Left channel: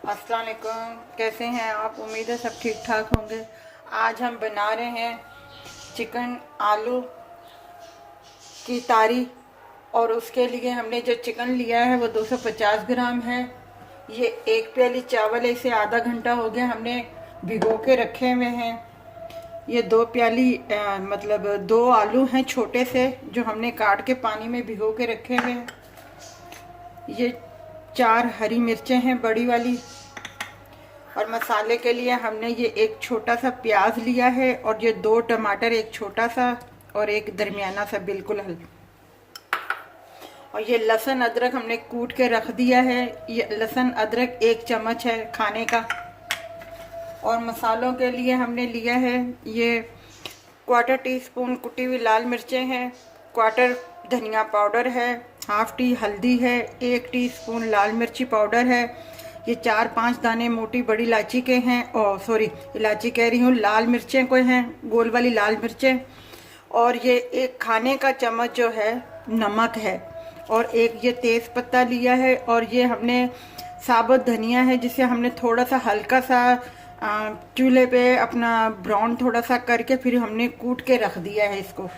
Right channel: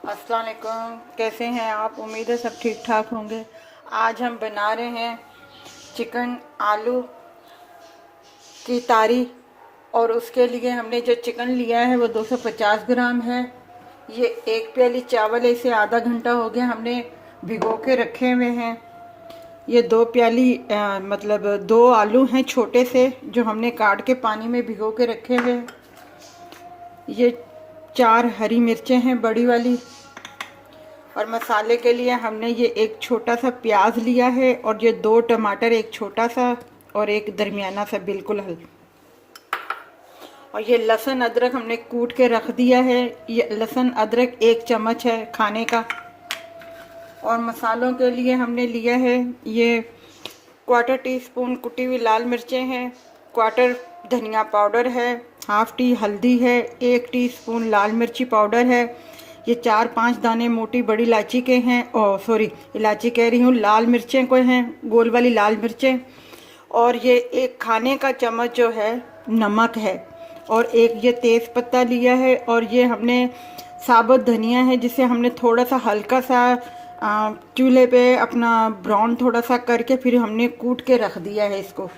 अस्सलाम वालेकुम, कैसे हैं आप? उम्मीद है सब ठीक ठाक होंगे। आज हम बना रहे हैं चिकन आलू की तारी। और उसके लिए हमने जो चिकन लिया है वो 250 ग्राम है। ये एक प्याली चावल है, इसे आधा घंटा हो गया हमने भिगो के रखे हुए हैं। ये 2 प्याली मतलब 2 आलू हैं छोटे से, जो हमने काट के पानी में भिगो के रखे हुए हैं। ये 4 हरी मिर्चें हैं बड़ी वाली। और मसाले के लिए हमने ये एक छोटा सा प्याज लिया है, और ये 2 टमाटर, एक छोटा सा और एक दरमियाना सा बिल्कुल हल्का। और ये लहसुन अदरक हमने कूट के रख दिया है। ये लहसुन अदरक 1 चम्मच है खाने का। और मसालों के लिए हमने लिया है ये 1/4 टीस्पून कुटी हुई लाल मिर्चें हैं, 1/4 धनिया पाउडर है, 1/2 टी हल्दी है, 1 टीस्पून लाल मिर्ची पाउडर है। ये 4-5 दाने मोटी बड़ी इलायची के हैं। सॉरी, इलायची कह रही हूँ, लाल मिर्चें कोई हैं, गोल वाली लाल मिर्चें। और ये 1 खाने का चम्मच जो है नमक है। और एक ये तेज़ पत्ता लिया है। और ये हमने साबुत धनिया है, जिसे हमने थोड़ा सा हल्का सा चूल्हे पे अपना ब्राउन थोड़ा सा करके फिर हमने कूट के रख दिया है इसको।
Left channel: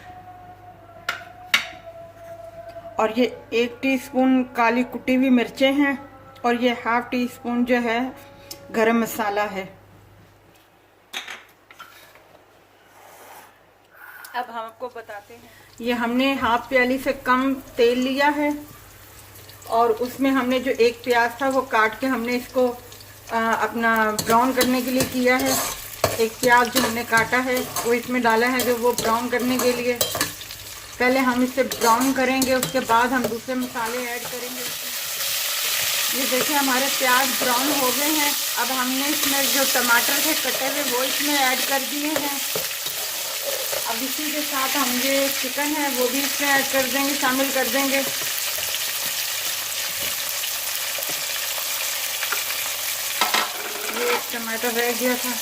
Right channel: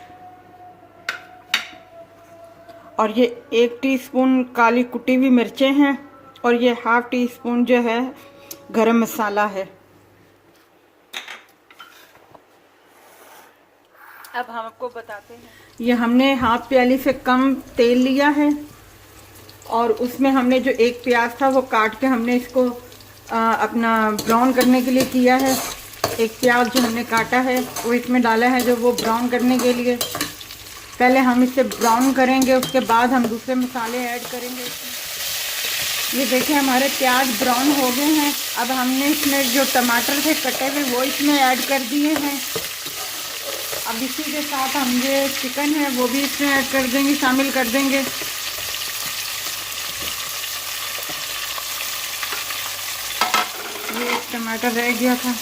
और ये 1 टीस्पून काली कुटी हुई मिर्चें हैं। और ये 1/2 टीस्पून जो है गरम मसाला है। अब हम आपको बताते हैं, ये हमने 1/2 प्याली से कम तेल लिया है। और उसमें हमने जो 1 प्याज था वो काट के हमने इसको अपना ब्राउन करने के लिए किया है। 1 प्याज जो हमने काटा है वो इसमें डाला है, जो वो ब्राउन करने के लिए। पहले हम इसे ब्राउन करेंगे, उसके बाद हम दूसरे मसाले ऐड करेंगे। ये देखिए हमारे प्याज ब्राउन हो गए हैं। अब हमने इसमें जो टमाटर थे कटे हुए वो इसमें ऐड कर दिए हैं। अब इसी के साथ हम जो चिकन है वो भी इसमें ऐड कर देंगे, शामिल कर देंगे। ये एक टमाटर रह गया था।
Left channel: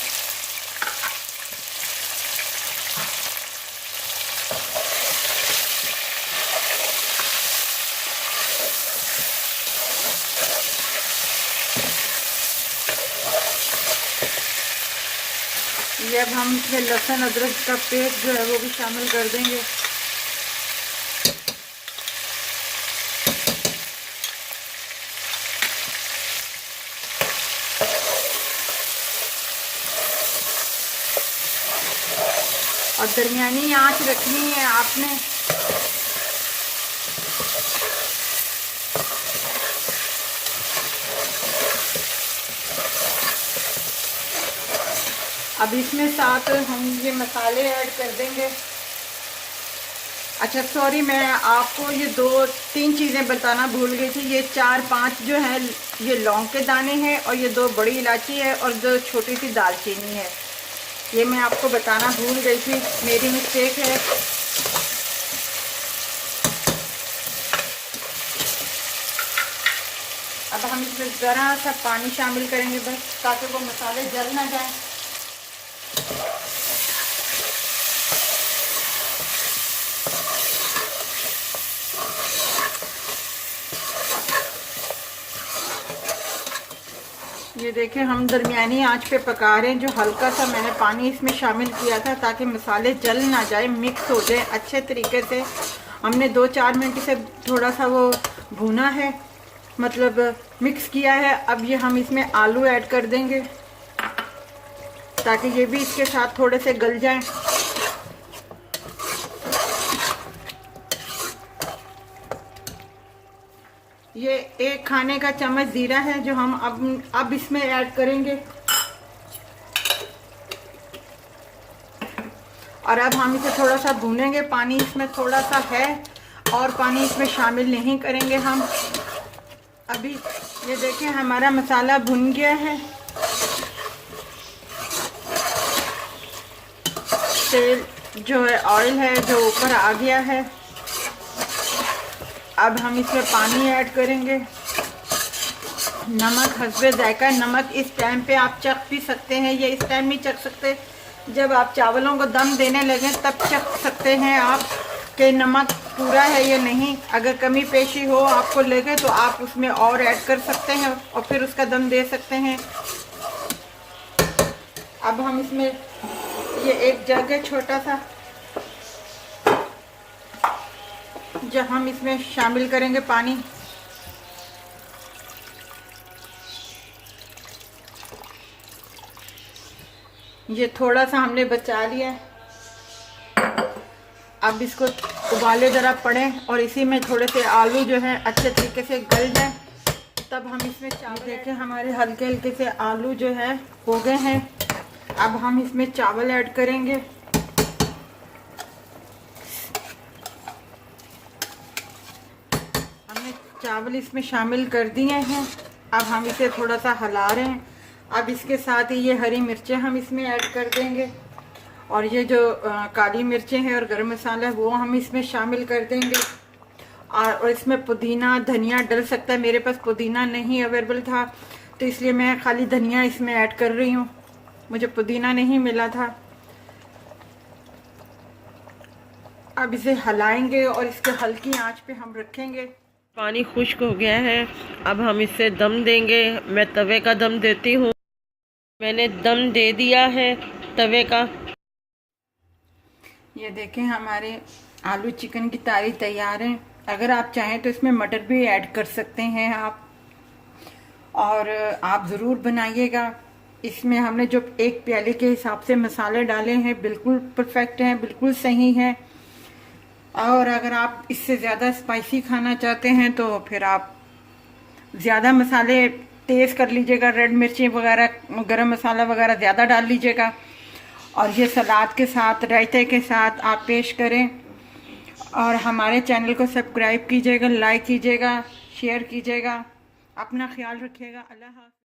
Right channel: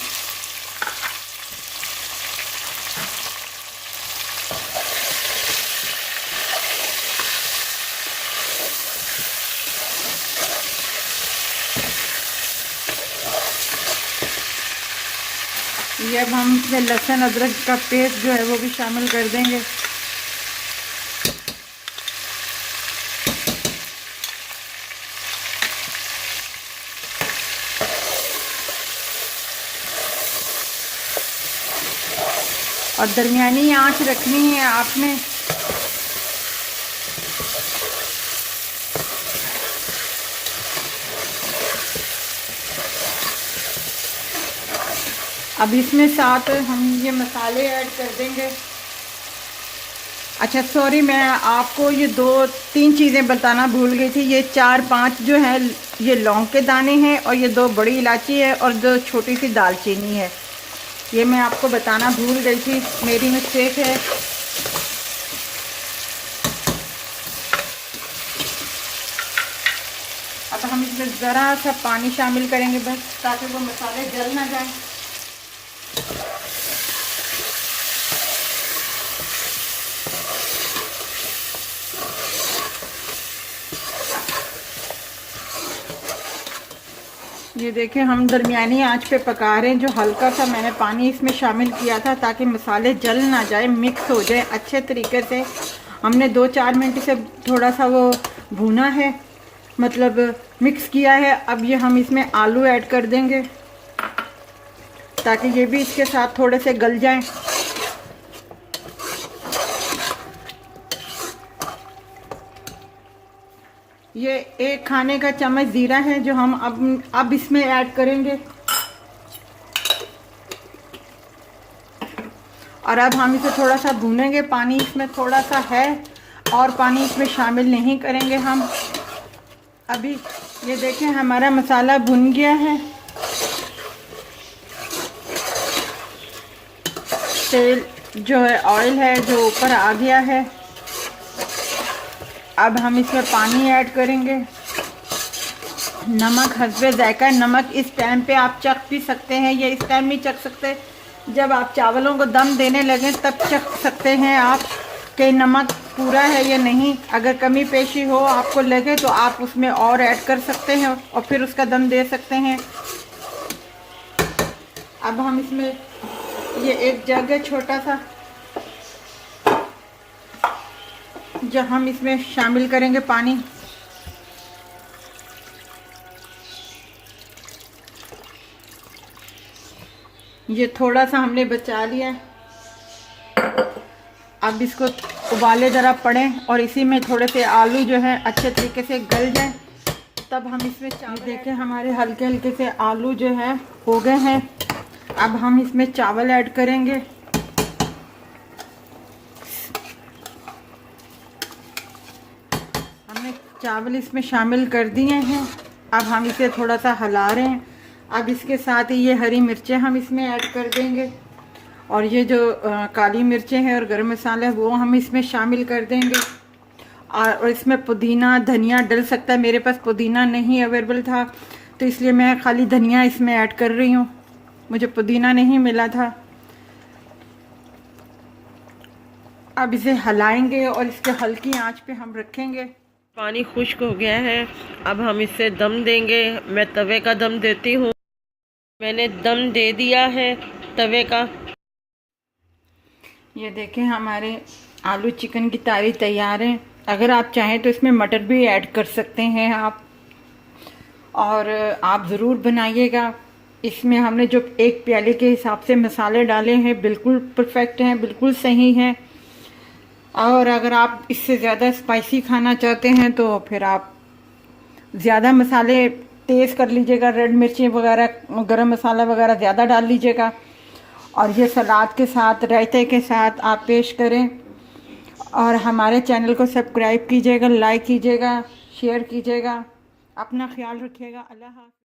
ये अब हम इसमें लहसुन अदरक का पेस्ट जो है वो भी शामिल कर देंगे। और दरमियानी आंच रखनी है आपने। अब इसमें साथ हम ये मसाले ऐड कर देंगे। अच्छा सॉरी, मैं आपको ये 2-3 चीज़ें बताना भूल गई थी। ये 4-5 जो है ये लौंग के दाने हैं, और ये 2 बड़ी इलायची है, और 2 छोटी सी दालचीनी है। ये मैं आपको बताना भूल गई थी, मेरी मिस्टेक है। अब हम इसमें ज़रा सा पानी शामिल करेंगे बस, ताकि वो मसाले जल ना जाए। ये देखें हम दरमियानी आंच पे पका रहे हैं। जो हल्का सा मैंने पानी इसमें शामिल किया था ताकि मसाले जल ना जाए, मिक्स हो जाए अच्छे तरीके से। हमने 2-4 मिनट से थोड़ा सा वो भुना है, मतलब मिक्स किया है। अब ये हम इसमें आलू ऐड कर देंगे ताकि ये भी इसके साथ थोड़े से गल जाएं। ये 1 खाने का चम्मच जीरा है जो हम अब इसमें ऐड करेंगे। और अब हम इसे थोड़ा सा भूनेंगे। पानी इसमें थोड़ा सा है, और पानी इसमें शामिल नहीं करेंगे हम अभी। ये देखें हमारा मसाला भुन गया है। तेल जो है, ऑयल है जो ऊपर आ गया है। अब हम इसमें पानी ऐड करेंगे। नमक हस्बे जायका। नमक इस टाइम पे आप चख भी सकते हैं, या इस टाइम नहीं चख सकते, जब आप चावलों को दम देने लगे तब चख सकते हैं आप। कि नमक पूरा है या नहीं। अगर कमी पेशी हो आपको लगे तो आप उसमें और ऐड कर सकते हैं और फिर उसका दम दे सकते हैं। अब हम इसमें ये एक जग है छोटा सा, जो हम इसमें शामिल करेंगे पानी। ये थोड़ा सा हमने बचा लिया। अब इसको उबाले ज़रा पड़े और इसी में थोड़े से आलू जो है अच्छे तरीके से गल जाए, तब हम इसमें चावल देखें। हमारे हल्के हल्के से आलू जो है हो गए हैं। अब हम इसमें चावल ऐड करेंगे। हमने चावल इसमें शामिल कर दिए हैं। अब हम इसे थोड़ा सा हिला रहे हैं। अब इसके साथ ही ये हरी मिर्चें हम इसमें ऐड कर देंगे और ये जो काली मिर्चें हैं और गरम मसाला वो हम इसमें शामिल कर देंगे। और इसमें पुदीना धनिया डल सकता है। मेरे पास पुदीना नहीं अवेलेबल था तो इसलिए मैं खाली धनिया इसमें ऐड कर रही हूँ, मुझे पुदीना नहीं मिला था। अब इसे हिलाएंगे और इसके हल्की आंच पे हम रखेंगे। पानी खुश्क हो गया है, अब हम इसे दम देंगे। मैं तवे का दम देती हूँ। मैंने दम दे दिया है तवे का। ये देखें हमारे आलू चिकन की तारी तैयार है। अगर आप चाहें तो इसमें मटर भी ऐड कर सकते हैं आप, और आप ज़रूर बनाइएगा। इसमें हमने जो एक प्याले के हिसाब से मसाले डाले हैं बिल्कुल परफेक्ट हैं, बिल्कुल सही हैं। और अगर आप इससे ज़्यादा स्पाइसी खाना चाहते हैं तो फिर आप ज़्यादा मसाले तेज़ कर लीजिएगा, रेड मिर्ची वगैरह गरम मसाला वगैरह ज़्यादा डाल लीजिएगा। और ये सलाद के साथ रायते के साथ आप पेश करें। और हमारे चैनल को सब्सक्राइब कीजिएगा, लाइक कीजिएगा, शेयर कीजिएगा। अपना ख्याल रखिएगा। अल्लाह हाफ़िज़।